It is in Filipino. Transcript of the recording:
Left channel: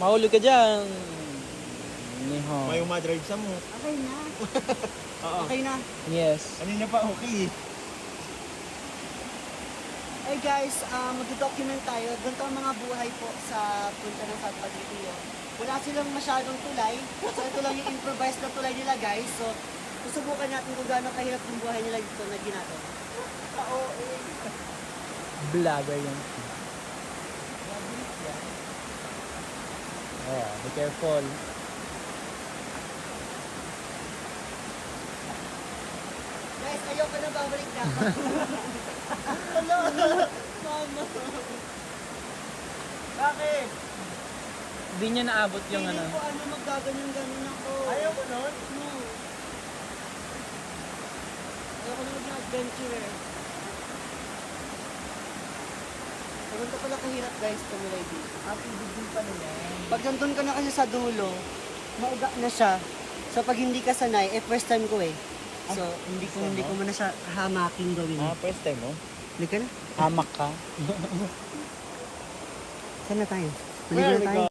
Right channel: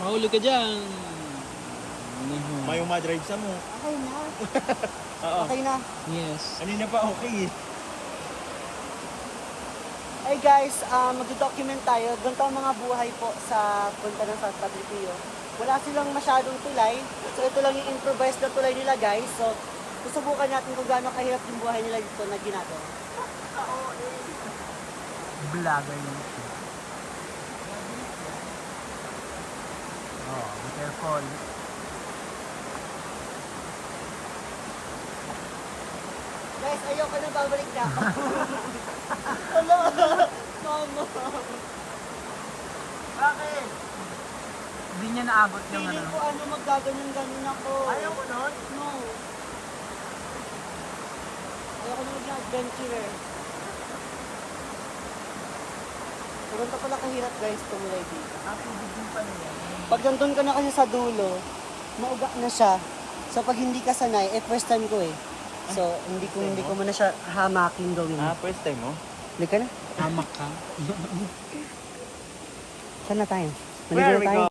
Mahuli ka dyan. May umadride sa mo. Okay na. Oo. Okay na. Yes. Kanina pa okay eh. Hey guys, mag-document tayo. Ganito ang mga buhay po sa punta ng South Padre Pio. Wala silang masyadong tulay. So ito lang yung improvised na tulay nila guys. So susubukan natin kung gaano kahirap yung buhay nila dito na ginagawa. Vlogger yun. Oh, be careful. Guys, ayoko na babalik na ako. Hello! Mama! Bakit? Hindi niya naabot yung Feeling ko maggaganyan-ganyan ako. Ayaw mo nun? No. Ayoko na maging adventurer. Pero ito pala kahirap guys, tumulay dito. Pag nandun ka na kasi sa dulo, mauga na siya. So pag hindi ka sanay, first time ko eh. So hindi ko man na siya hamakin gawin. First time mo? Hindi ka na. hamak ka. Saan na tayo? Where Maligo we na tayo.